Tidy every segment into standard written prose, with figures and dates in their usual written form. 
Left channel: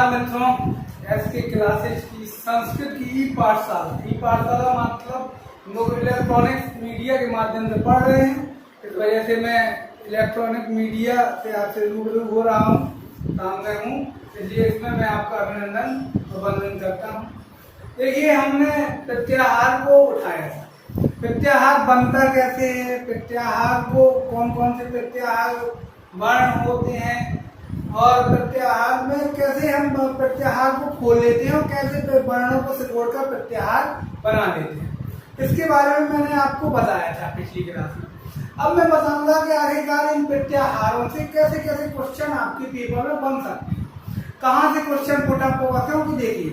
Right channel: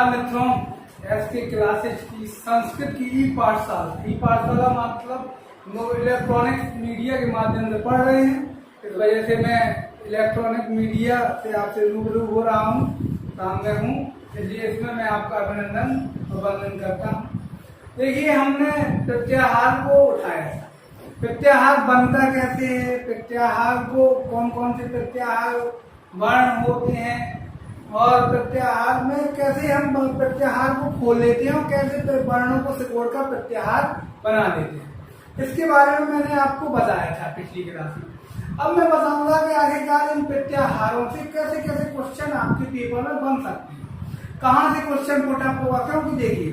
नमस्कार मित्रों, SK classes की संस्कृत की ई पाठशाला मतलब लोग इलेक्ट्रॉनिक मीडिया के माध्यम से पढ़ रहे हैं। इस वजह से मैं इलेक्ट्रॉनिक मीडिया से आपसे रूबरू हो रहा हूँ, सामने हूँ, इसलिए इसमें मैं आपका अभिनंदन और वंदन करता हूँ। देखिए, हमने प्रत्याहार को उठाया था। प्रत्याहार बनता कैसे है, प्रत्याहार को कौन कौन से प्रत्याहार वर्ण होते हैं और प्रत्याहार में कैसे हम प्रत्याहार को खोल लेते हैं और कैसे वर्णों को सिकोड़कर प्रत्याहार बना लेते हैं, इसके बारे में मैंने आपको बताया था पिछली क्लास में। अब मैं बताऊंगा कि आखिरकार इन प्रत्याहारों से कैसे कैसे क्वेश्चन आपके पेपर में बन सकते हैं, कहाँ से क्वेश्चन पुट अप होगा। क्योंकि देखिए,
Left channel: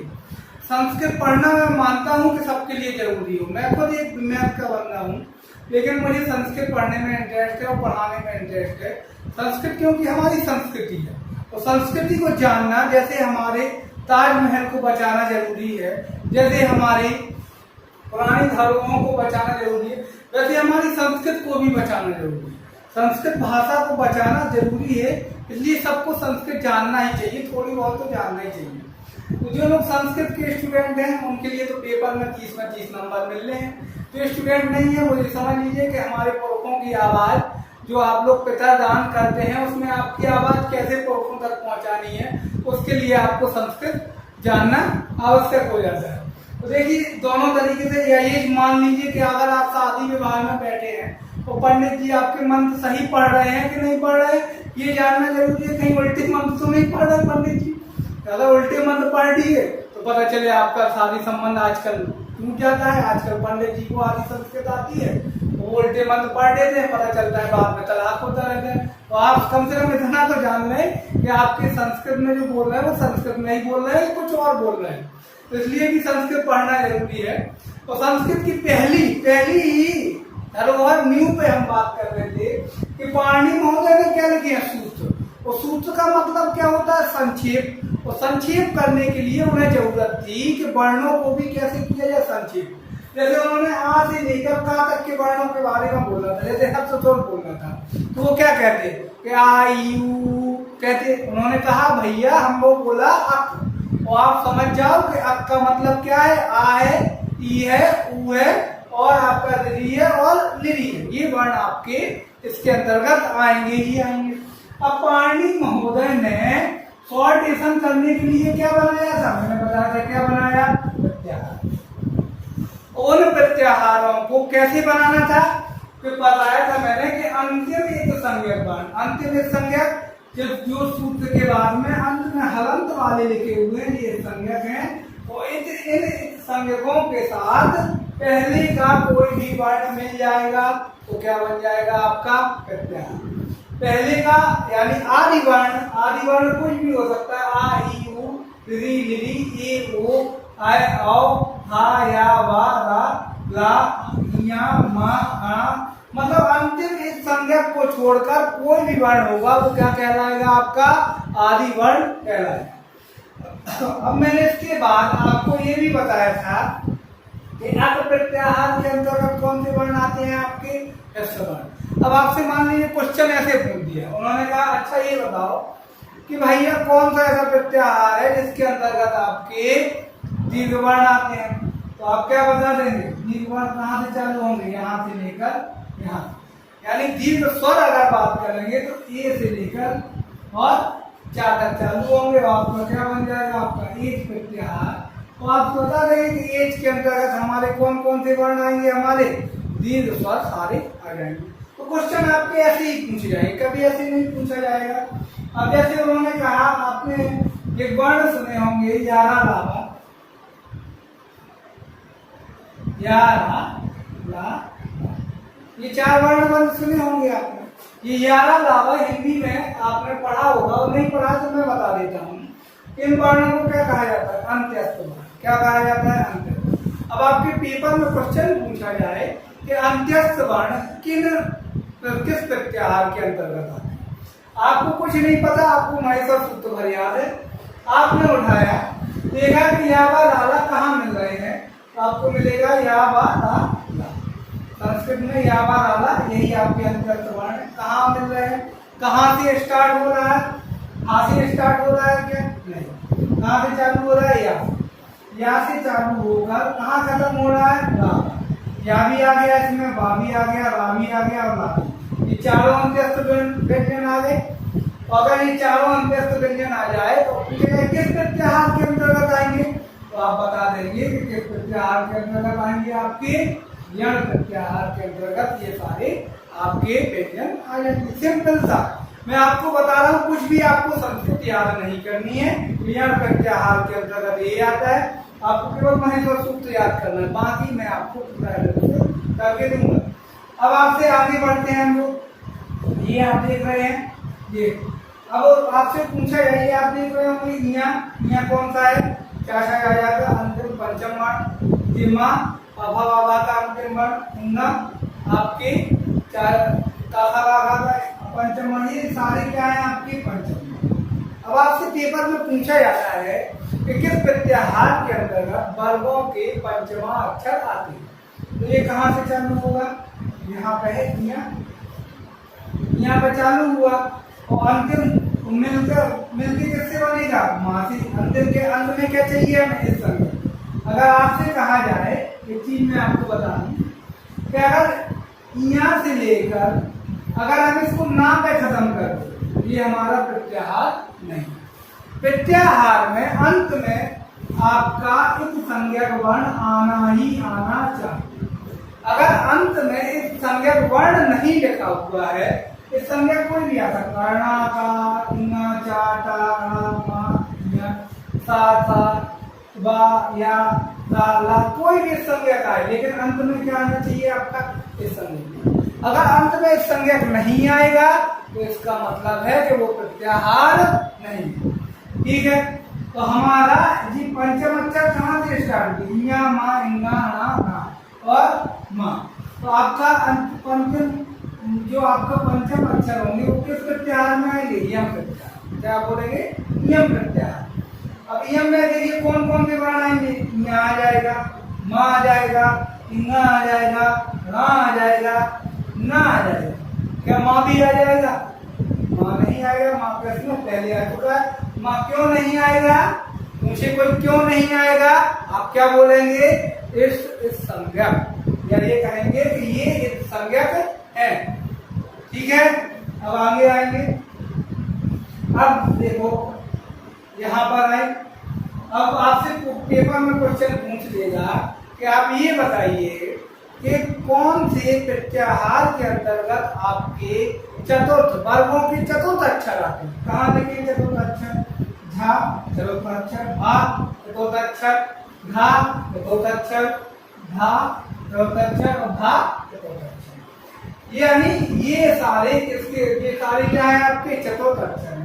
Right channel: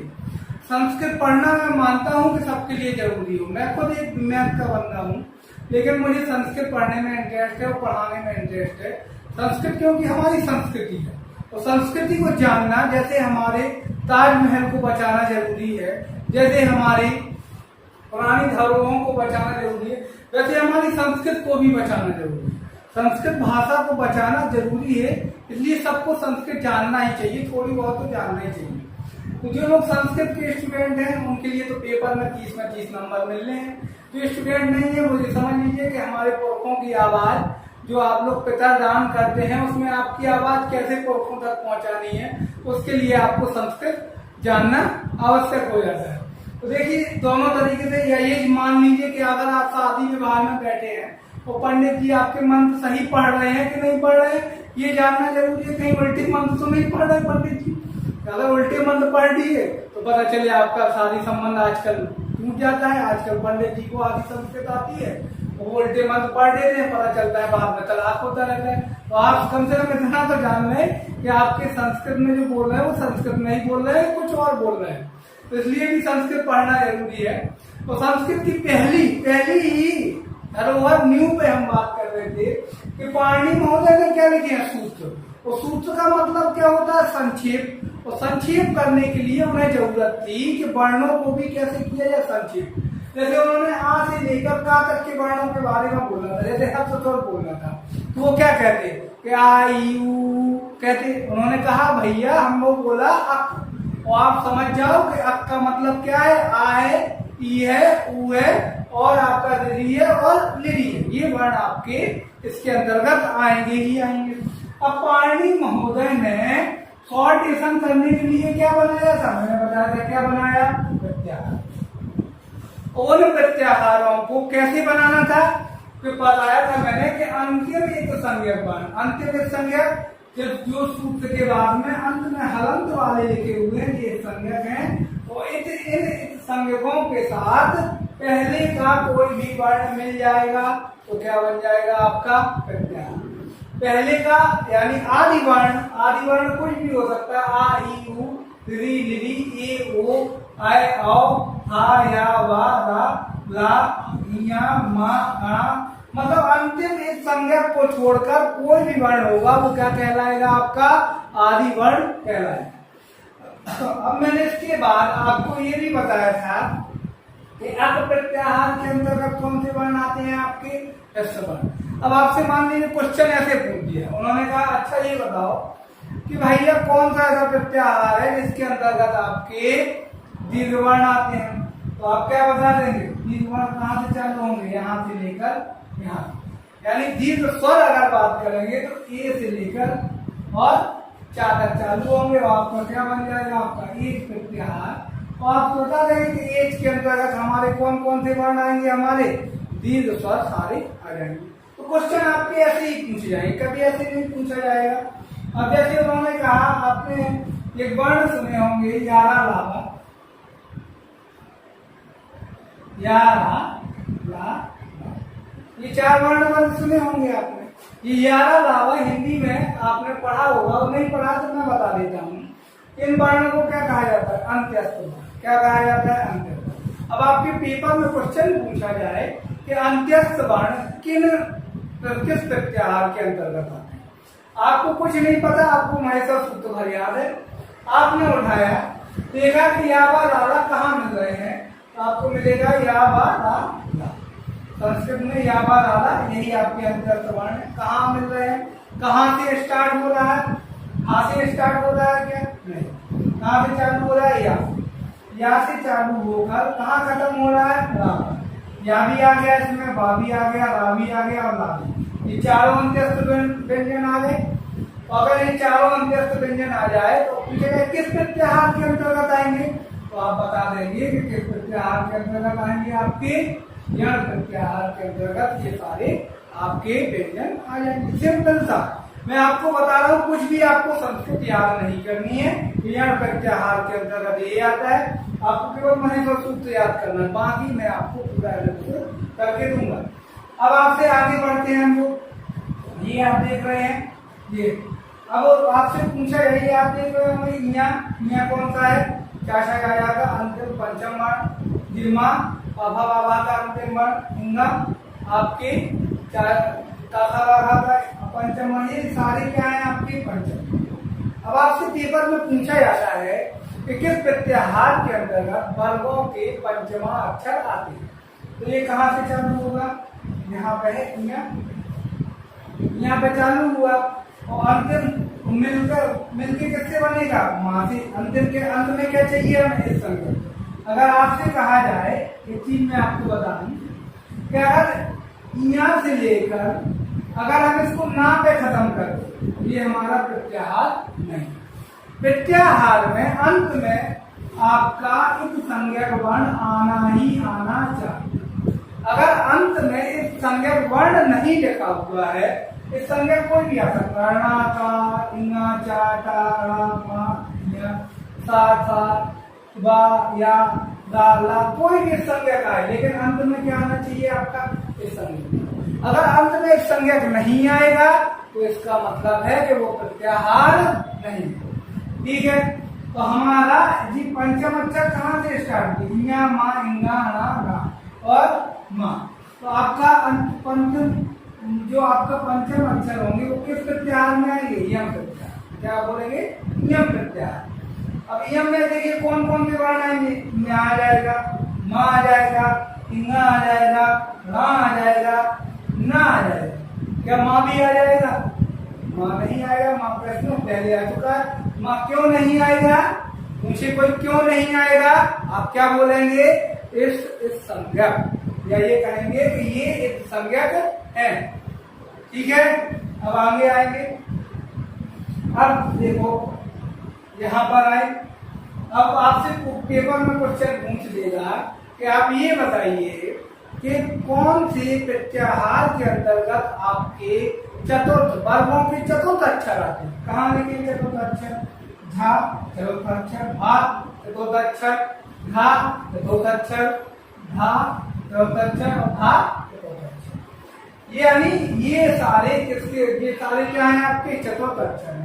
संस्कृत पढ़ना मैं मानता हूँ कि सबके लिए जरूरी हो। मैं खुद एक मैथ का बंदा हूँ, लेकिन मुझे संस्कृत पढ़ने में इंटरेस्ट है और पढ़ाने में इंटरेस्ट है। संस्कृत क्योंकि हमारी संस्कृति है, और संस्कृति को जानना जैसे हमारे ताजमहल को बचाना जरूरी है, जैसे हमारी पुरानी धरोहरों को बचाना जरूरी है, वैसे हमारी संस्कृत को भी बचाना जरूरी है। संस्कृत भाषा को बचाना जरूरी है, इसलिए सबको संस्कृत जानना ही चाहिए, थोड़ी बहुत तो जानना ही चाहिए। तो जो लोग संस्कृत के स्टूडेंट हैं उनके लिए तो पेपर में 30 में 30 नंबर मिलने हैं। जो स्टूडेंट नहीं है वो ये समझ लीजिए कि हमारे पुरखों की आवाज़ जो आप लोग पितरदान करते हैं, उसमें आपकी आवाज़ कैसे पुरखों तक पहुंचानी है, उसके लिए आपको संस्कृत जानना आवश्यक हो जाता है। तो देखिए, दोनों तरीके से ये मान लीजिए कि अगर आप शादी विवाह में बैठे हैं तो पंडित जी आपके मंत्र सही पढ़ रहे हैं कि नहीं पढ़ रहे हैं, ये जानना जरूरी है। कहीं उल्टे मंत्र तो नहीं पढ़ रहे पंडित जी। अगर उल्टे मंत्र पढ़ लिए तो पता चले आपका शादी संबंध आजकल टूट जाता है। आजकल पंडित जी को आदि संस्कृत आती है, वो उल्टे मंत्र पढ़ देते हैं, पता चलता है बाद में तलाक होता रहता है। तो आप कम से कम इतना तो जान लें कि आपके संस्कृत में जो बोल रहे हैं वो संस्कृत में ही बोल रहे हैं, कुछ और बोल रहे हैं। तो इसलिए भी संस्कृत पढ़ना जरूरी है। तो संस्कृत की पहली ही धरोहर न्यू पे हम बात कर रहे थे कि पाणिनि महोदय ने क्या लिखे हैं, सूत्र। और सूत्र का मतलब क्या होता है, संक्षेप। और संक्षेप करने के लिए उन्हें जरूरत थी कि वर्णों को भी कैसे किया जाए संक्षेप। जैसे उन्होंने आ से लेकर का तक के वर्णों के बारे में बोला था, जैसे हर्ष स्वर बोलना था, तो वो क्या कहते कि आ यू कहते। उन्होंने कहा भैया हम वो बोला अक, और आप समझ जाओ कि अक का मतलब क्या है। आ है, ई है, ऊ है और आपका री है और लिरी है। ये वर्ण आपके इसके अंतर्गत आएंगे ही आएंगे। अब पाणिनि महोदय ने शॉर्टेशन करने के लिए क्या बनाया था, मैंने बताया था क्या बनाया, प्रत्याहार। उन प्रत्याहारों को कैसे बनाना था, तो बताया था मैंने कि अंतिम एक संज्ञक वर्ण, अंतिम एक संज्ञक जो सूत्र के बाद में अंत में हलंत वाले लिखे हुए हैं, ये संज्ञक हैं। और इन संज्ञकों के साथ पहले का कोई भी वर्ण मिल जाएगा तो क्या बन जाएगा आपका प्रत्याहार। पहले का यानी आदि वर्ण कुछ भी हो सकता है। आ ई उ री लिरी ए ओ आय औ हा या वा रा ला या मा आ, मतलब अंतिम एक संज्ञक को छोड़कर कोई भी वर्ण होगा वो क्या कहलाएगा, आपका आदि वर्ण कहलाएगा। अब मैंने इसके बाद आपको ये भी बताया था कि अक प्रत्याहार के अंतर्गत कौन से वर्ण आते हैं, आपके ह्रस्व वर्ण। अब आपसे मान लीजिए क्वेश्चन ऐसे पूछ दिया, उन्होंने कहा अच्छा ये बताओ कि भैया कौन सा ऐसा प्रत्याहार है जिसके अंतर्गत आपके दीर्घ वर्ण आते हैं। तो आप क्या बता देंगे, दीर्घ वर्ण कहाँ से चालू होंगे, यहाँ से लेकर यहाँ। यानी दीर्घ स्वर अगर बात करेंगे तो ए से लेकर और चा तक चालू होंगे। आपका क्या बन जाएगा, आपका एच प्रत्याहार। तो आप बता देंगे कि एच के अंतर्गत हमारे कौन कौन से वर्ण आएंगे, हमारे दीर्घ स्वर सारे आ जाएंगे। तो क्वेश्चन आपके ऐसे ही पूछे जाएंगे, कभी ऐसे नहीं पूछा जाएगा। अब जैसे उन्होंने कहा, आपने एक वर्ण सुने होंगे यारा लावा, यारा ला, ये 4 वर्ण सुने होंगे आपने। ये यारा लावा हिंदी में आपने पढ़ा होगा, और नहीं पढ़ा तो मैं बता देता हूँ। इन वर्णों को क्या कहा जाता है, अंत्यस्थ वर्ण। क्या कहा जाता है, अंत्यस्थ। अब आपके पेपर में क्वेश्चन पूछा जाए कि अंत्यस्थ वर्ण किस प्रत्याहार के अंतर्गत आते हैं, आपको कुछ नहीं पता, आपको महेश्वर सूत्र भर याद है, आपने उठाया, देखा कि या वा ला कहाँ मिल रहे हैं, तो आपको मिलेगा या वा ला। संस्कृत में या वा ला यही आपके अंत्यस्थ वर्ण है। कहाँ मिल रहे हैं, कहाँ से स्टार्ट हो रहा है, आ से स्टार्ट हो रहा है क्या, नहीं, कहाँ से चालू हो रहा है, यहाँ से चालू होकर कहाँ खत्म हो रहा है, रा। या भी आ गया इसमें, बा भी आ गया, रा भी आ गया और ला भी। ये चारों अंत्यस्थ व्यंजन आ गए। अगर ये चारों अंत्यस्थ व्यंजन आ जाए तो पूछेगा किस प्रत्याहार के अंतर्गत आएंगे, तो आप बता देंगे कि किस प्रत्याहार के अंतर्गत आएंगे, आपके यण प्रत्याहार के अंतर्गत ये सारे आपके व्यंजन आ जाएंगे। सिंपल सा मैं आपको बता रहा हूँ, कुछ भी आपको संस्कृत याद नहीं करनी है। यण प्रत्याहार के अंतर्गत ये आता है, आपको केवल महेश्वर सूत्र याद करना है, बाकी मैं आपको पूरा करके दूंगा। अब आपसे आगे बढ़ते हैं हम लोग। ये आप देख रहे हैं, ये अब आपसे पूछा जाए, आप देख रहे हो यहाँ कौन सा है, क्या आ जाएगा, अंतिम पंचम वर्ण, दिमा अभावा का अंतिम वर्ण, आपके पंचम वर्ण, ये सारे क्या है आपके पंचम। अब आपसे पेपर में पूछा जाता है कि किस प्रत्याहार के अंतर्गत वर्गों के पंचमा अक्षर आते हैं, तो ये कहाँ से चालू होगा, यहाँ पे है, यहाँ पे चालू हुआ और अंतिम मिलके किससे बनेगा, माँ से। अंतिम के अंत में क्या चाहिए हमें, इस संख्या। अगर आपसे कहा जाए, एक चीज मैं आपको बता दूं कि अगर यहाँ से लेकर अगर हम इसको ना पे खत्म कर दो, ये हमारा प्रत्याहार नहीं। प्रत्याहार में अंत में आपका इस संज्ञक वर्ण आना ही आना चाहिए। अगर अंत में इस संज्ञक वर्ण नहीं लिखा हुआ है, इस संज्ञक कोई भी आ सकता है, णा का, इंगा, चा, टा, णा, मा, ञ, सा, सा, बा, या, दा, ला, कोई भी संज्ञक आए, लेकिन अंत में क्या आना चाहिए आपका, इस संज्ञक। अगर अंत में इस संज्ञक नहीं आएगा तो इसका मतलब है कि वो प्रत्याहार नहीं। ठीक है, तो हमारा जी पंचम अक्षर कहाँ से स्टार्ट किया, मा, इंगा, णा, ना और मा। तो आपका पंचम जो आपका पंचम अक्षर होंगे वो किस प्रत्याहार में आएंगे, यम प्रत्याहार। क्या बोलेंगे, यम प्रत्याहार। अब यम में देखिए कौन कौन से वर्ण आएंगे, ञ आ जाएगा, मा आ जाएगा, इंगा आ जाएगा, रा आ जाएगा, ना आ जाएगा। क्या माँ भी आ जाएगा, माँ नहीं आएगा, माँ प्रश्न पहले आ चुका है। माँ क्यों नहीं आएगा, मुझे कोई क्यों नहीं आएगा, आप क्या बोलेंगे, इस संज्ञक, या ये कहेंगे कि ये एक संज्ञक है। ठीक है, अब आगे आएंगे। अब देखो यहाँ पर आए, अब आपसे पेपर में क्वेश्चन पूछ लेगा कि आप ये बताइए कि कौन से प्रत्याहार के अंतर्गत आपके चतुर्थ वर्गों के चतुर्थ अक्षर आते हैं। कहाँ लिखे चतुर्थ अक्षर, झा चतुर्थ अक्षर, भा चतुर्थ अक्षर, घा चतुर्थ अक्षर, धा चतुर्थ अक्षर और भा चतुर्थ अक्षर। यानी ये सारे किसके, ये सारे क्या है आपके चतुर्थ अक्षर हैं।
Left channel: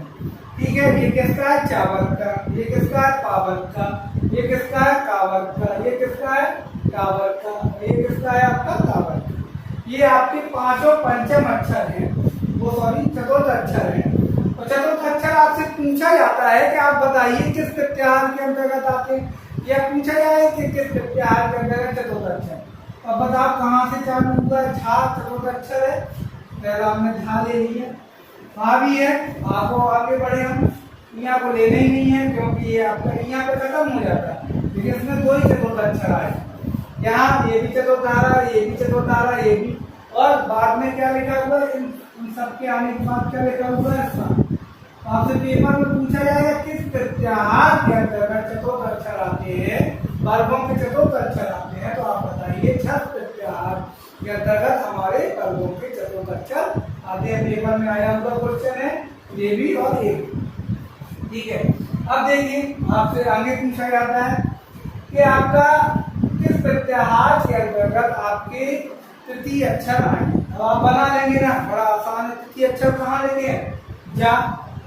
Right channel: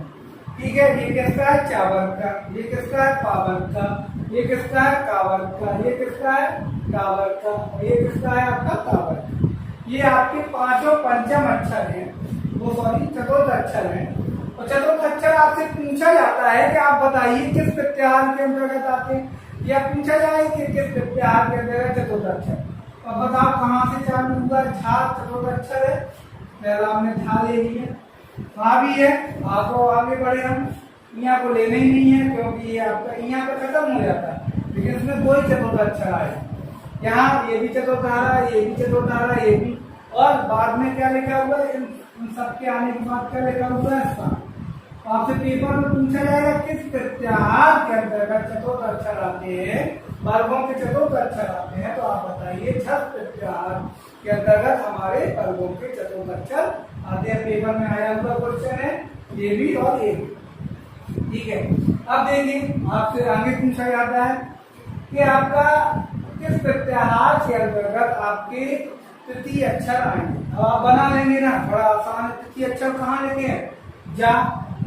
ठीक है, ये किसका है, चावर्त का, ये किसका है, पावर्त का, ये किसका है, कावर्त का, ये किसका है, कावर्त का, ये किसका है आपका कावर्त का। ये आपके पांचों पंचम अक्षर हैं, वो सॉरी चतुर्थ अक्षर हैं। और चतुर्थ अक्षर आपसे पूछा जाता है कि आप बताइए किस प्रत्याहार के अंतर्गत आते हैं, या पूछा जाए कि किस प्रत्याहार के अंतर्गत चतुर्थ अक्षर। अब बताओ कहाँ से चालू हुआ, झा चतुर्थ अक्षर है, पहला हमने झा ले लिया, वहाँ भी है, आपको आगे बढ़े हम, यहाँ को लेना ही नहीं है क्योंकि ये आपका यहाँ पे खत्म हो जाता है, लेकिन इसमें दो ही चतुर्थ अक्षर आए, यहाँ ये भी चतुर्थ आ रहा है, ये भी चतुर्थ आ रहा है, ये भी, और बाद में क्या लिखा हुआ है, इन सबके आने के बाद क्या लिखा हुआ है, आपसे पेपर में पूछा जाएगा किस प्रत्याहार के अंतर्गत चतुर्थ अक्षर आते हैं, वर्गों के चतुर्थ अक्षर आते हैं, तो आप बताइए छठ प्रत्याहार के अंतर्गत हमारे वर्गों के चतुर्थ अक्षर आते हैं। पेपर में आया हुआ क्वेश्चन है ये भी और ये भी। ठीक है, अब देखिए आपसे आगे पूछा जाता है कि आपका किस प्रत्याहार के अंतर्गत आपके तृतीय अक्षर आए। अब आप बना लेंगे ना, बड़ा आसान है। तृतीय अक्षर कहाँ लिखे हैं, जा,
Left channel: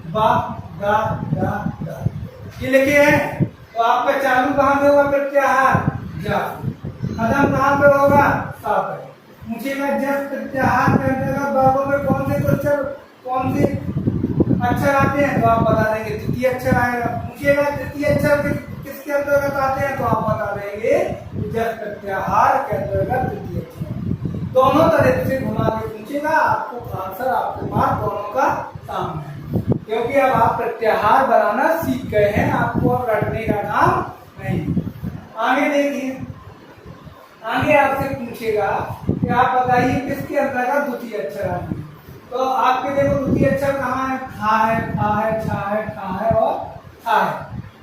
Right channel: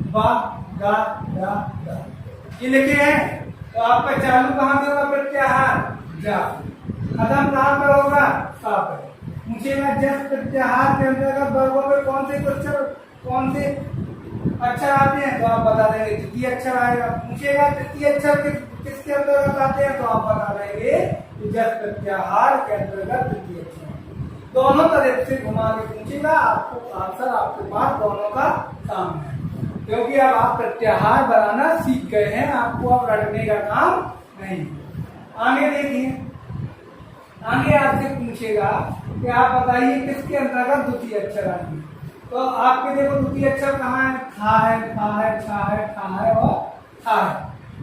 बा, गा, दा, दा, ये लिखे हैं। तो आपका चालू कहाँ पे होगा प्रत्याहार, जा, खत्म कहाँ पे होगा, सा पे। पूछेगा जब प्रत्याहार के अंतर्गत वर्गों में कौन से अक्षर आते हैं, तो आप बता देंगे तृतीय अक्षर आएगा। पूछेगा तृतीय अक्षर किसके अंतर्गत आते हैं, तो आप बता देंगे जब प्रत्याहार के अंतर्गत तृतीय अक्षर। दोनों तरफ से घुमा के पूछेगा, आपको आंसर आपके पास दोनों का सामने है। क्योंकि अब आप प्रत्याहार बनाना सीख गए हैं, आपको अब रटने का काम नहीं। आगे देखिए, आगे आपसे पूछेगा कि आप बताइए किसके अंतर्गत द्वितीय अक्षर आएंगे। तो आपके देखो द्वितीय अक्षर कहाँ है, था है, था है, छा है, ठा है और था है।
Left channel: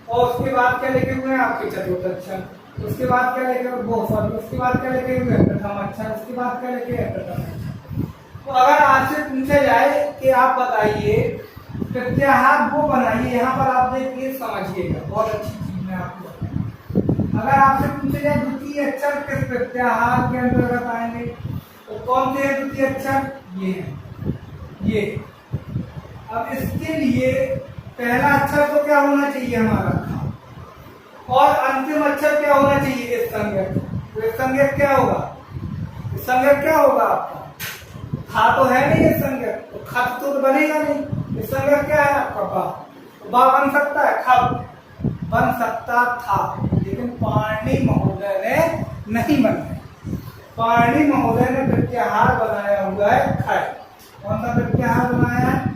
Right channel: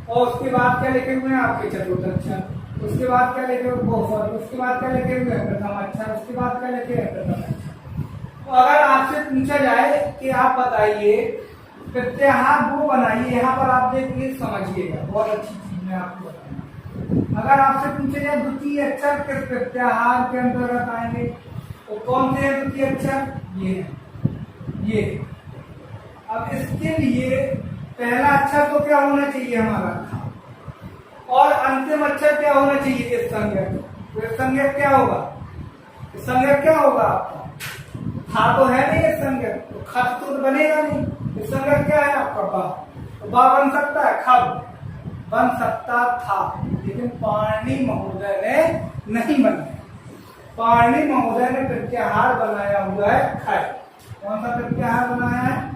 और उसके बाद क्या लिखे हुए हैं आपके चतुर्थ अक्षर, उसके बाद क्या लिखे हुए, उसके बाद क्या लिखे हुए हैं प्रथम अक्षर, उसके बाद क्या लिखे हैं प्रथम अक्षर। तो अगर आपसे पूछा जाए कि आप बताइए प्रत्याहार वो बनाइए, यहाँ पर आप देखिए समझिएगा, बहुत अच्छी चीज मैं आपको बताऊं। अगर आपसे पूछा जाए द्वितीय अक्षर किस प्रत्याहार के अंतर्गत आएंगे, तो कौन से द्वितीय अक्षर, ये है, ये। अब इसके लिए पहला अक्षर तो क्या होना चाहिए हमारा, और अंतिम अक्षर क्या होना चाहिए, इस संज्ञक। तो इस संज्ञक क्या होगा, इस संज्ञक क्या होगा आपका, खा तो है नहीं इस संज्ञक, तो खत तो बनेगा नहीं। इस संज्ञक क्या है आपका बा, तो बा बन सकता है, खब बन सकता था, लेकिन पाणिनि महोदय ने नहीं बनाया। पाणिनि महोदय ने प्रत्याहार बनाया हुआ है खय। कौन सा प्रत्याहार बनाया है,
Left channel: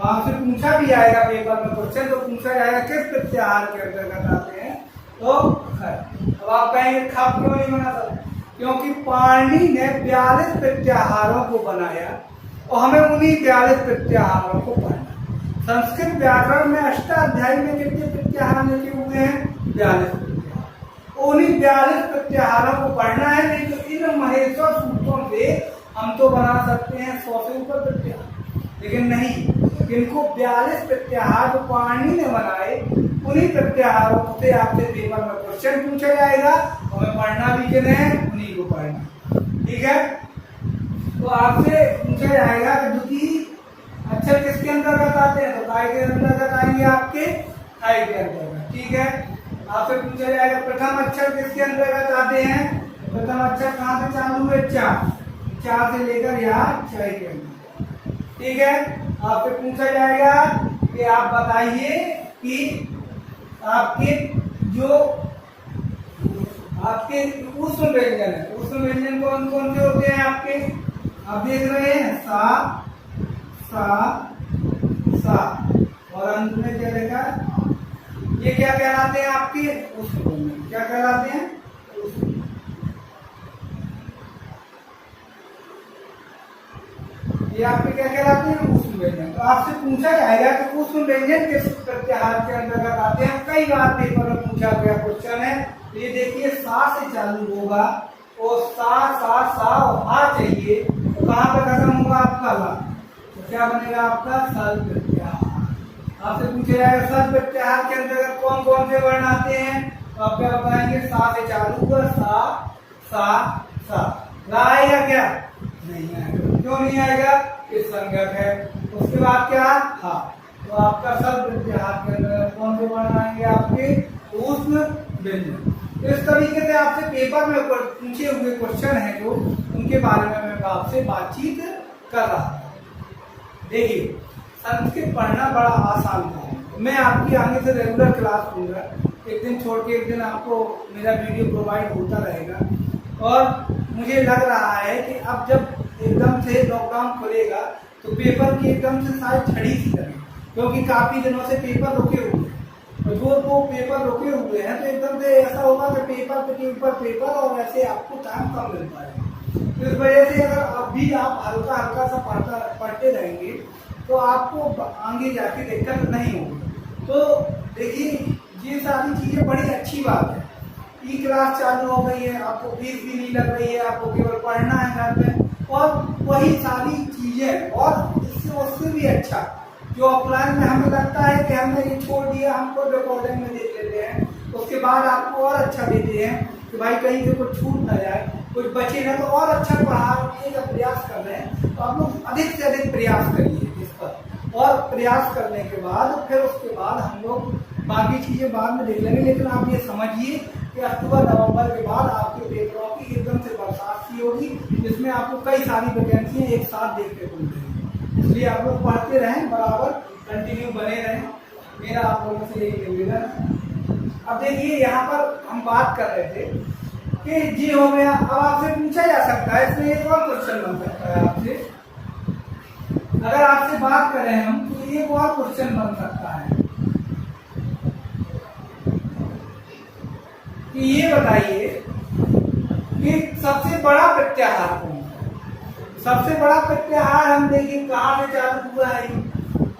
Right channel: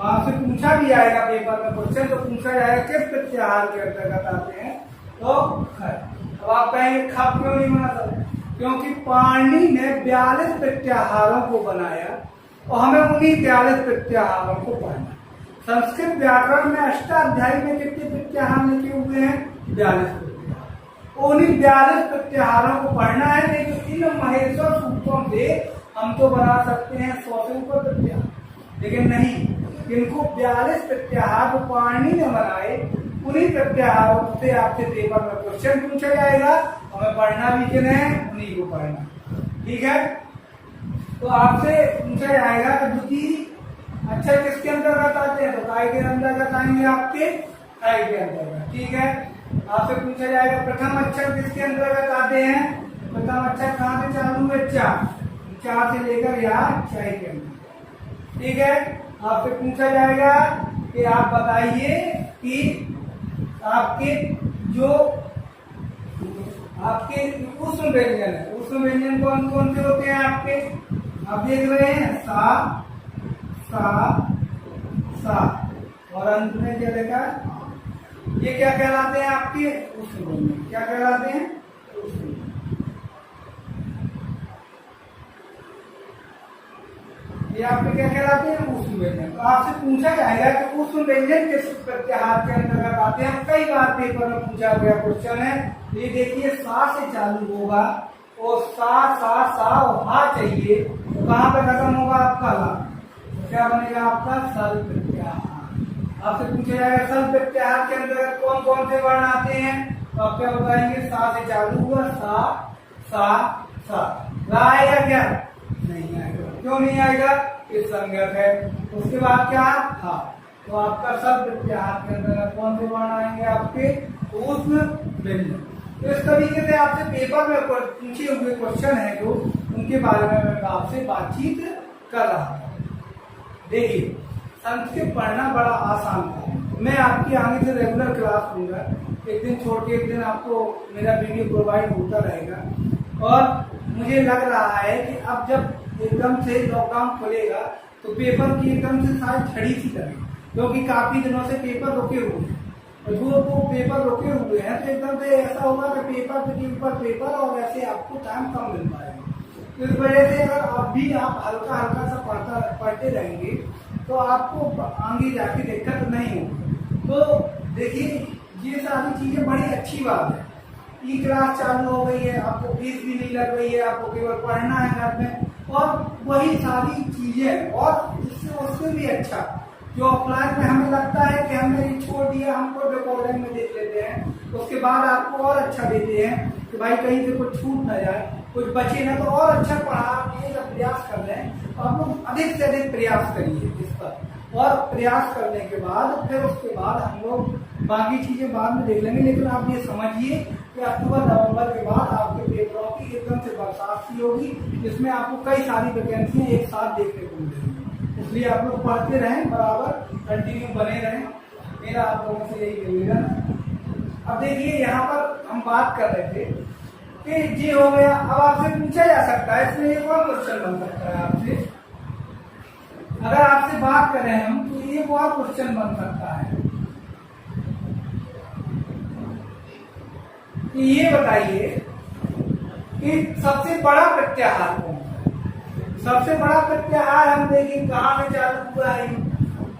आपसे पूछा भी आएगा पेपर में क्वेश्चन, तो पूछा जाएगा किस प्रत्याहार के अंतर्गत आते हैं, तो खय। अब आप कहेंगे खब क्यों नहीं बना सकते, क्योंकि पाणिनि ने 42 प्रत्याहारों को बनाया और हमें उन्हीं 42 प्रत्याहारों को पढ़ना। संस्कृत व्याकरण में अष्टाध्यायी में कितने प्रत्याहार लिखे हुए हैं, 42 प्रत्याहार। उन्हीं 42 प्रत्याहारों को पढ़ना है, नहीं तो इन महेश्वर सूत्रों से हम तो बना सकते हैं 100 से ऊपर प्रत्याहार, लेकिन नहीं, इनको 42 प्रत्याहार जो पाणिनि ने बनाए, उन्हीं प्रत्याहारों से आपसे पेपर में क्वेश्चन पूछा जाएगा, हमें पढ़ना भी किन्हें है, उन्हीं को पढ़ना। ठीक है, तो आपसे पूछा जाएगा कि द्वितीय अक्षर किसके अंतर्गत आते हैं, तो काय के अंतर्गत आएंगे आपके काय के अंतर्गत। ठीक है, आपसे पूछा जाएगा प्रथम अक्षर किसके अंतर्गत आते हैं, प्रथम अक्षर कहाँ से चालू है, चा से लेकर यहाँ छह के अंदर। ठीक है, आपसे पूछा जाएगा कि आप बताइए कि आपके जो आपके ऊष्म व्यंजन है, ऊष्म व्यंजन कौन कौन से होते हैं आपके, आप देख रहे हैं सा सा और अंत में क्या लिखा, ये क्या कहलाते हैं आपके ऊष्म व्यंजन, क्या कहलाते हैं, ये आपके क्या कहलाते हैं, ऊष्म व्यंजन। तो आपसे पूछा जाएगा कि ऊष्म व्यंजन किस प्रत्याहार के अंतर्गत आते हैं, कई बार पेपर में पूछा गया क्वेश्चन है। ये देखिए सा से चालू होगा और सा और हा चाहिए, तो कहाँ पे खत्म होगा आपका ला, तो क्या बनेगा आपका सल प्रत्याहार। आपसे पूछा जाएगा सल प्रत्याहार के अंतर्गत कौन कौन से वर्ण आते हैं, तो आप क्या बताएंगे, सा से चालू हुआ सा आएगा क्या, नहीं आएगा। क्यों नहीं आएगा, इस संज्ञक है। उसके बाद क्या, हा, तो आपका सल प्रत्याहार के अंतर्गत कौन से वर्ण आएंगे, आपके ऊष्म व्यंजन। इस तरीके से आपसे पेपर में पूछे हुए क्वेश्चन है जो, उनके बारे में मैं आपसे बातचीत कर रहा था। देखिए संस्कृत पढ़ना बड़ा आसान था, मैं आपकी आगे से रेगुलर क्लास लूँगा, एक दिन छोड़ के एक दिन आपको मेरा वीडियो प्रोवाइड होता रहेगा। और मुझे लग रहा है कि अब जब एकदम से लॉकडाउन खुलेगा तो पेपर की एकदम से शायद झड़ी सी लगे, क्योंकि काफ़ी दिनों से पेपर रुके हुए हैं, और जो वो पेपर रुके हुए हैं तो एकदम से ऐसा होगा कि पेपर के ऊपर पेपर, और ऐसे आपको टाइम कम मिल पाएगा। इस वजह से अगर अब भी आप हल्का हल्का सा पढ़ते रहेंगे तो आपको आगे जाके दिक्कत नहीं होगी। तो देखिए ये सारी चीज़ें बड़ी अच्छी बात है, ई क्लास चालू हो गई है, आपको फीस भी नहीं लग रही है, आपको केवल पढ़ना है घर में, और वही सारी चीज़ें, और इससे उससे भी अच्छा जो ऑफलाइन में हमें लगता है कि हमने ये छोड़ दिया, हमको रिकॉर्डिंग में देख लेते हैं, तो उसके बाद आपको और अच्छा देते हैं कि भाई कहीं से कुछ छूट ना जाए, कुछ बचे ना, तो और अच्छा पढ़ाने का प्रयास कर रहे हैं। तो आप लोग अधिक से अधिक प्रयास करिए इस पर, और प्रयास करने के बाद फिर उसके बाद हम लोग बाकी चीज़ें बाद में देख लेंगे। लेकिन आप ये समझिए कि अक्टूबर नवंबर के बाद आपके पेपरों की एकदम से बरसात सी होगी, जिसमें आपको कई सारी वैकेंसियाँ एक साथ देखने को मिलेंगी। इसलिए आप लोग पढ़ते रहें, बराबर कंटिन्यू बने रहें, मेरा आप लोगों से यही निवेदन है। अब देखिए यहाँ पर हम बात कर रहे थे कि जी हो गया। अब आपसे पूछा जा सकता है, इसमें एक और क्वेश्चन बन सकता है आपसे अगर आपसे बात करें हम तो एक और क्वेश्चन बन सकता है कि ये बताइए कि सबसे बड़ा प्रत्याहार कौन है। सबसे बड़ा प्रत्याहार हम देखें कहाँ से चालू हुआ है,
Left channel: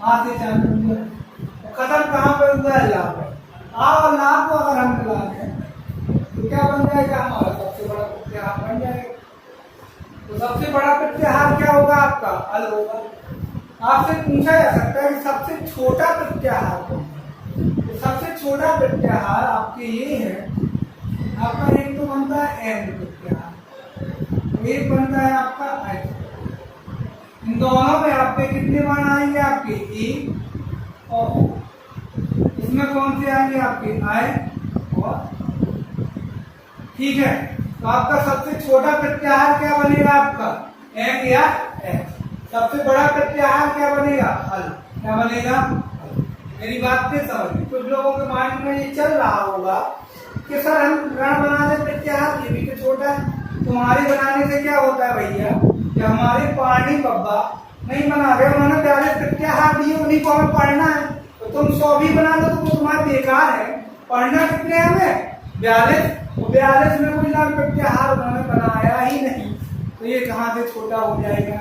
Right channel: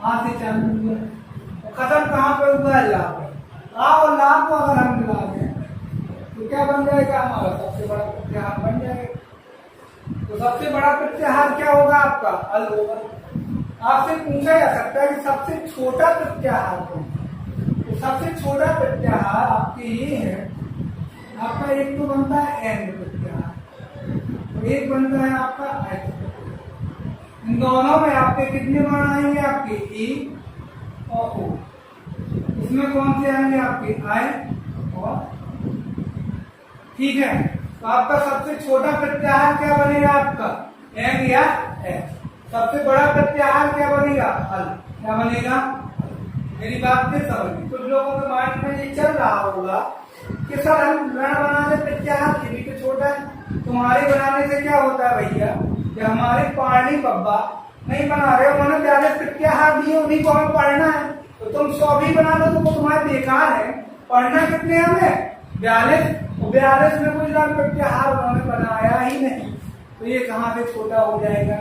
आ से चालू हुआ है, खत्म कहाँ पे हुआ है, ला पर। आ और ला को अगर हम मिला दें तो क्या बन जाएगा, हमारा सबसे बड़ा प्रत्याहार बन जाएगा। तो सबसे बड़ा प्रत्याहार क्या होगा, आपका अल होगा। आपसे पूछा जा सकता है कि सबसे छोटा प्रत्याहार कौन है। तो सबसे छोटा प्रत्याहार आपके ये है, आपका एक तो बनता है एन प्रत्याहार, एक बनता है आपका एच। इन दोनों में आपके कितने मान आएंगे, आपके ए और ओ। इसमें कौन से आएंगे, आपके आई और। ठीक है, तो आपका सबसे छोटा प्रत्याहार क्या बनेगा, आपका एम या एच। सबसे बड़ा प्रत्याहार क्या बनेगा, अल। क्या बनेगा, मेरी बात से समझ। कुछ लोगों के माइंड में ये चल रहा होगा कि सर हम रण बना दे प्रत्याहार, ये भी तो छोटा है। तुम्हारे बनाने से क्या होता है भैया, कि हमारे पाणी बब्बा नहीं बना रहे, उन्होंने 42 प्रत्याहार दिए, उन्हीं को हमें पढ़ना है। तो तुम 100 भी बना दो तो वो तुम्हारा बेकार है। पढ़ना कितने हमें, 42। 42 में कुछ प्रत्याहार उन्होंने बनाया ही नहीं, तो ये कहाँ से छोटा हो जाएगा।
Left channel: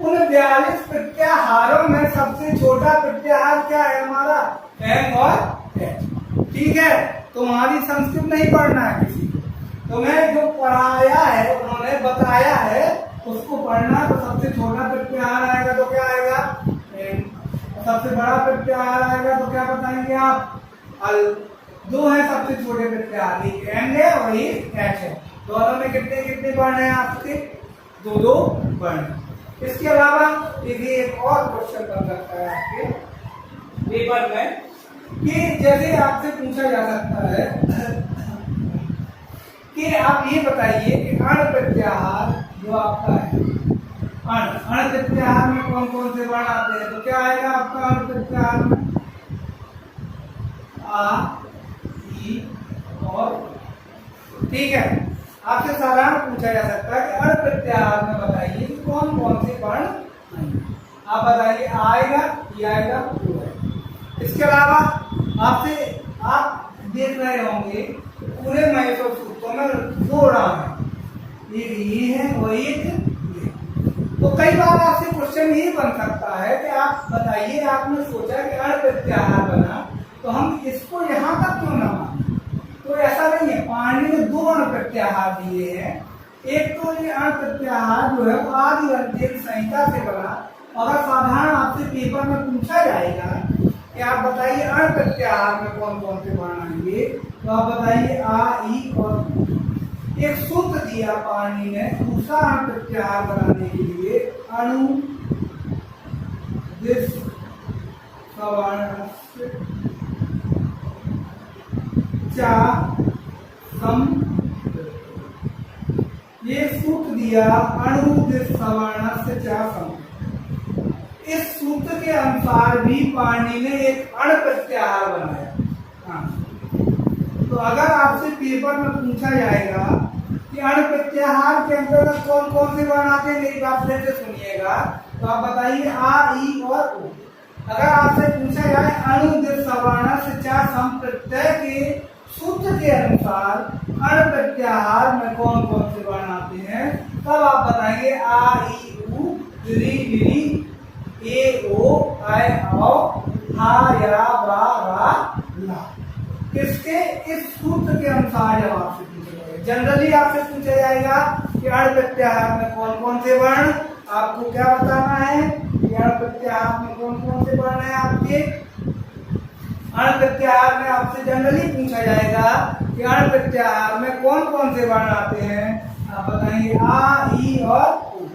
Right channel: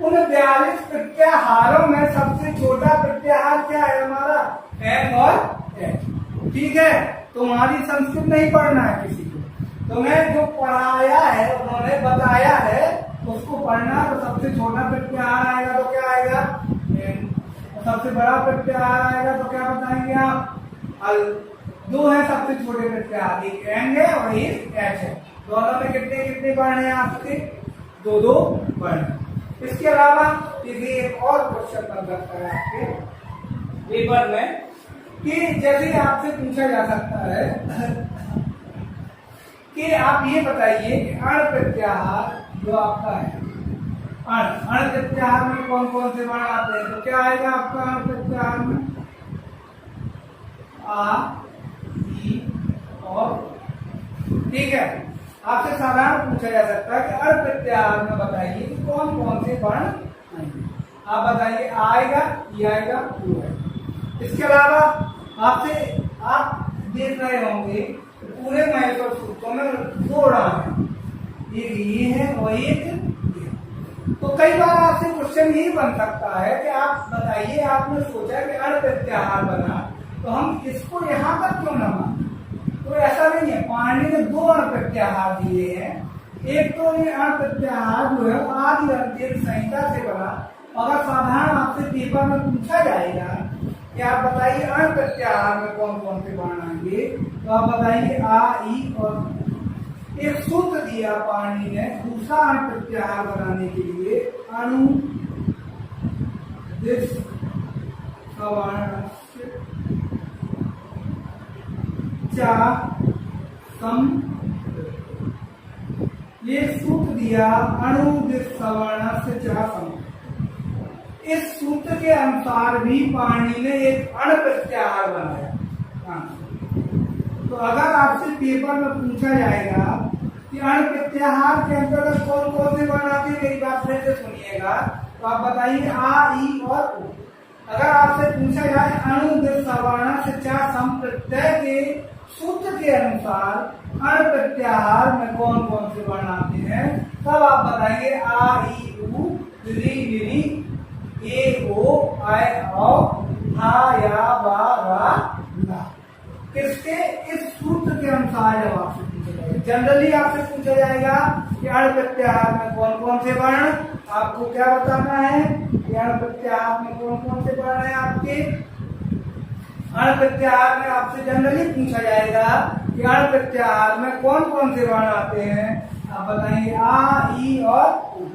उन 42 प्रत्याहारों में सबसे छोटा प्रत्याहार क्या है, हमारा एम और एच। ठीक है, तुम्हारी संस्कृत नहीं पढ़ना है किसी को, तुम्हें जो पढ़ाया है, उन्होंने बताया है उसको पढ़ना। तो सबसे छोटा प्रत्याहार आएगा तो क्या आएगा, एम। सबसे बड़ा प्रत्याहार आएगा तो क्या बताएंगे आप, अल। दो है सबसे छोटे प्रत्याहार, एक एम है और एक एच है। दोनों में कितने कितने वर्ण है आपके, दो दो वर्ण। इसके अलावा ये एक और क्वेश्चन बन सकता है आपके पेपर में, कि जैसे आपसे पूछा जा सकता है कि आप ये बताइए कि अण प्रत्याहार जो आपका है, अण प्रत्याहार में कौन कौन से वर्ण आते हैं। तो क्या आएगा आपका अण प्रत्याहार में, आ, ई और। ठीक है, आपसे साधारण पूछा जा सकता है कि अण प्रत्याहार में बताइए कि कौन कौन से वर्ण आएंगे। आप बताइए, आएगा, ई आएगा, ऊ है। इसके अलावा आपसे आप देख रहे होंगे पूरे महसूस सूत्रों में दो राम है, एक ये है और एक ये। तो कई बार आपसे क्वेश्चन ये बन सकता है कि आप बताइए, आपने सोचा कि अण प्रत्याहार बना तो हम इसको यहाँ तक क्यों न माने। तो ऐसा नहीं है, पाणिनि ने दो अण प्रत्याहार दिए हैं। एक तो ये अण प्रत्याहार जो है आदि अर्जित संहिता से बना। अगर साधारण आपसे पेपर में पूछा जाएगा कि आप बताइए अण प्रत्याहार में कौन कौन से वर्ण आएंगे, तो आप बताइए आ, ई और। एक सूत्र दिया पाणिनि ने दूसरा अण प्रत्याहार बनाने के लिए, अणु दिस सवर्णस्य चा सम। ये सूत्र दिया अणु दिस सवर्णस्य चा सम। इस सूत्र के अनुसार भी पाणिनि ने एक अण प्रत्याहार बनाया। तो अगर आपसे पेपर में पूछा जाएगा कि अण प्रत्याहार के अंतर्गत कौन कौन से वर्ण आते हैं, मेरी बात फिर से सुनिएगा, तो आप बताइए आ, ई और उ। अगर आपसे पूछा जाए अणु दिस सवर्णस्य चा सम प्रत्यय के सूत्र के अनुसार अण प्रत्याहार में कौन कौन से वर्ण आते हैं, तब आप बताइए आ, ई, उ, री, री, ए, ओ, आई, औ, हा, या, वा, रा, ला। किसके, इस सूत्र के अनुसार जब आपसे पूछा जाएगा। जनरली आपसे पूछा जाएगा कि अण प्रत्याहार में कौन कौन से वर्ण, आपको क्या बताना है कि अण प्रत्याहार में कौन कौन से वर्ण है आपके। अण प्रत्याहार में आपसे जनरली पूछा जाएगा कि अण प्रत्याहार में कौन कौन से वर्ण आते हैं, आप बताएंगे आ, ई और उ।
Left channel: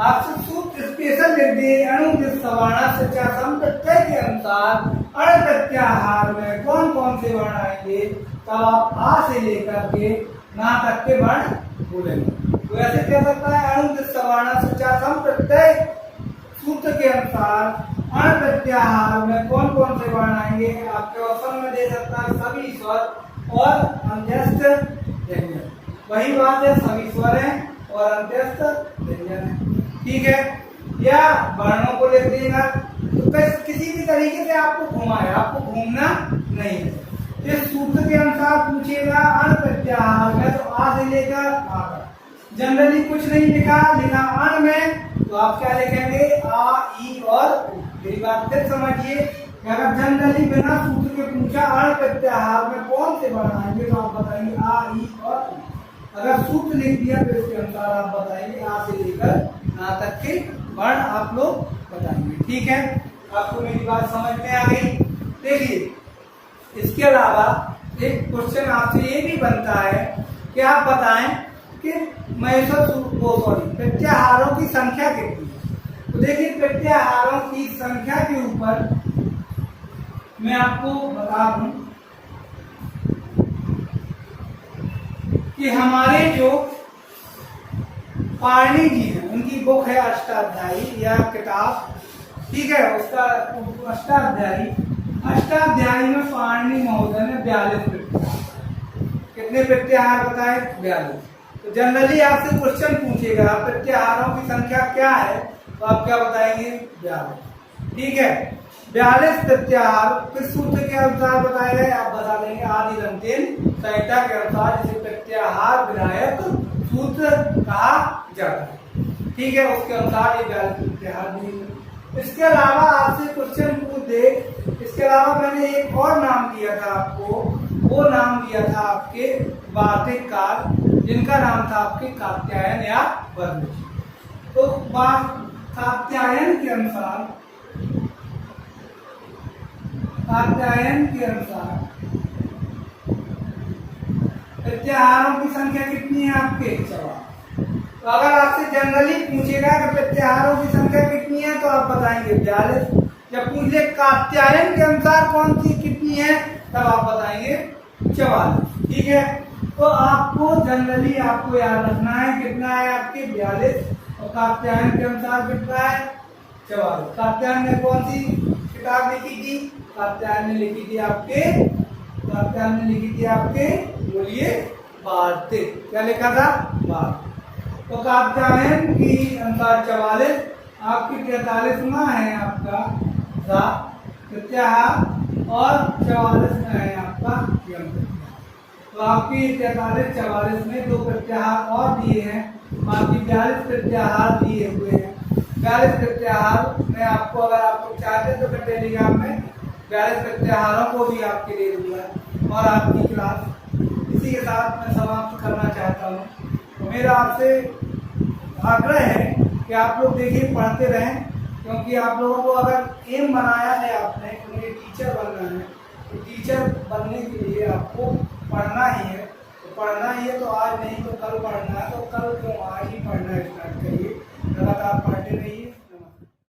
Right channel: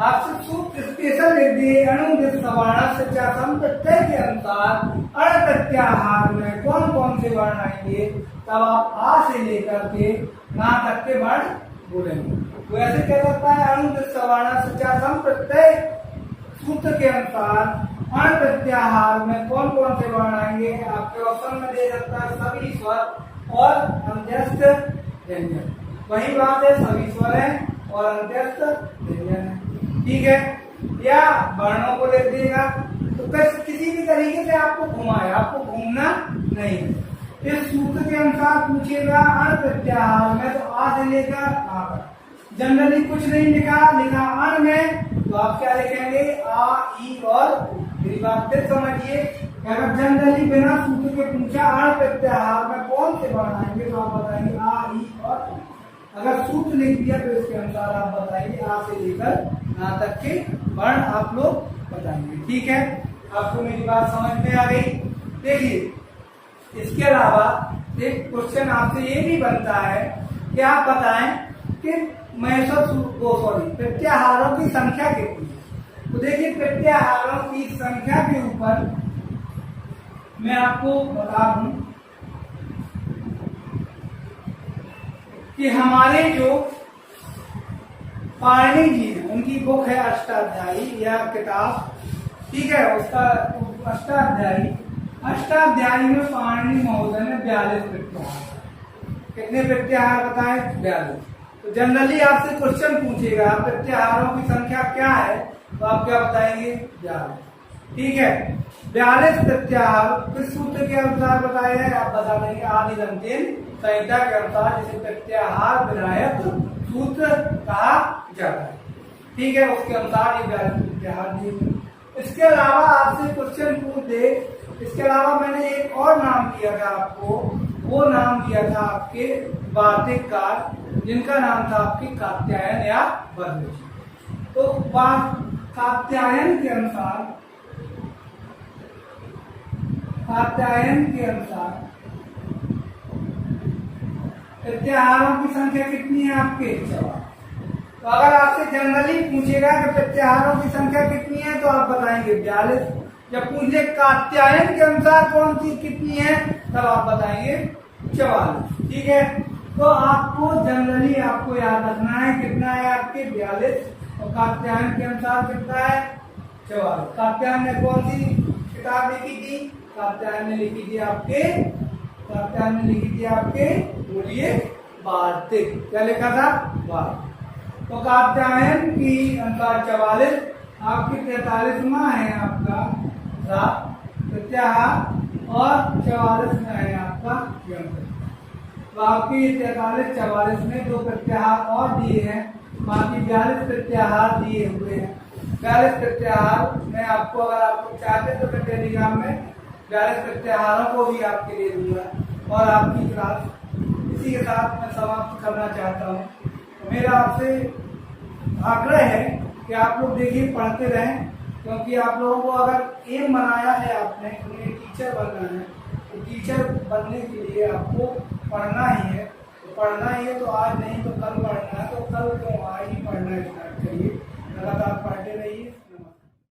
आपसे सूत्र स्पेशल लिख दिए, अणु दिस सवर्णस्य चा सम प्रत्यय के अनुसार अण प्रत्याहार में कौन कौन से वर्ण आएंगे, तब आप आ से लेकर के ना तक के वर्ण बोलेंगे। तो ऐसे कह सकता है अणु दिस सवर्णस्य चा सम प्रत्यय सूत्र के अनुसार अण प्रत्याहार में कौन कौन से वर्ण आएंगे। आपके ऑप्शन में दे सकता है सभी स्वर और अंत्यस्थ व्यंजन। वही बात है, सभी स्वर है और अंत्यस्थ व्यंजन है। ठीक है, या वर्णों को लिख देगा। तो किसी भी तरीके से आपको घुमाए, आपको घूमना नहीं है। इस सूत्र के अनुसार पूछेगा अण प्रत्याहार में, तो आ से लेकर आ तक जनरली कुछ नहीं लिखा अण में, तो आप क्या लिखेंगे आ ई और उ। मेरी बात फिर समझिए, अगर जनरली बिना सूत्र के पूछा अण प्रत्याहार में कौन से वर्ण आएंगे, तो आप बताएंगे आ ई और उ। अगर सूत्र लिख दिया तो इसके अनुसार आप बताएंगे आ से लेकर आ तक के वर्ण आप लोग बताएंगे। ठीक है, आपको मेरी बात समझ में आ गई। देखिए, इसके अलावा एक क्वेश्चन आपसे ये भी बनता है कि आप बताएं कि प्रत्याहारों की संख्या कितनी है। तो देखिए, प्रत्याहारों की संख्या के ऊपर मैं आपको बता दूं कि हमारे जो पाणिनि जी हैं, उनकी बुक है अष्टाध्यायी या किताब, ठीक है, उसका अष्टाध्यायी में पाणिनि महोदय ने 42 प्रत्याहार, कितने प्रत्याहार बताए 42। तो जनरली आपसे क्वेश्चन पूछेगा प्रत्याहारों की संख्या क्या है, तो आप क्या बताएंगे 42। ठीक है, 42 प्रत्याहार किस सूत्र के अनुसार बताए गए, आप बता देंगे आदि दंतेन संहिता के अनुसार, जिसे प्रत्याहार विधायक सूत्र कहा जाता है। ठीक है, उसके अनुसार ये 42 प्रत्याहार दिए। इसके अलावा आपसे क्वेश्चन पूछ दे, इसके अलावा मैंने एक और नाम दिया था आपको, वो नाम दिया था आपके वार्तिककार, जिनका नाम था आपके कात्यायन या वर्णिज। तो कात्यायन के अनुसार प्रत्याहारों की संख्या कितनी है आपके 4। तो अगर आपसे जनरली पूछेगा कि प्रत्याहारों की संख्या कितनी है, तो आप बताएंगे 42। जब पूछे कात्यायन के अनुसार कौन सी कितनी है, तब आप बताएंगे 44। ठीक है, तो आपको जनरली आपको याद रखना है कितना है आपके 42, और कात्यायन के अनुसार कितना है 44। कात्यायन ने कौन सी किताब लिखी थी, कात्यायन ने लिखी थी आपके बोलिए वार्तिक। क्या लिखा था, वार्तिक। तो कात्यायन की अनुसार 44, आपकी 43वां है आपका प्रत्याहार, और 44 में है आपका यम। तो आपकी 43 44 में 2 प्रत्याहार और दिए हैं, बाकी 42 प्रत्याहार दिए हुए हैं। 42 प्रत्याहार में आपको, अगर आपको चाहते तो मैं टेलीग्राम में 42 प्रत्याहारों को भी आपके दे दूंगा। और आपकी क्लास इसी के साथ मैं समाप्त करना चाहता हूँ। तो मेरा आपसे आग्रह है कि आप लोग देखिए, पढ़ते रहें, क्योंकि आप लोगों को अगर एम बनाया है आपने, उन्हें टीचर बनना है, तो टीचर बनने के लिए आपको पढ़ना ही है। तो पढ़ना ही है, तो आज नहीं तो कल पढ़ना है, तो कल क्यों, आज ही पढ़ना स्टार्ट करिए, लगातार पढ़ते रहिए।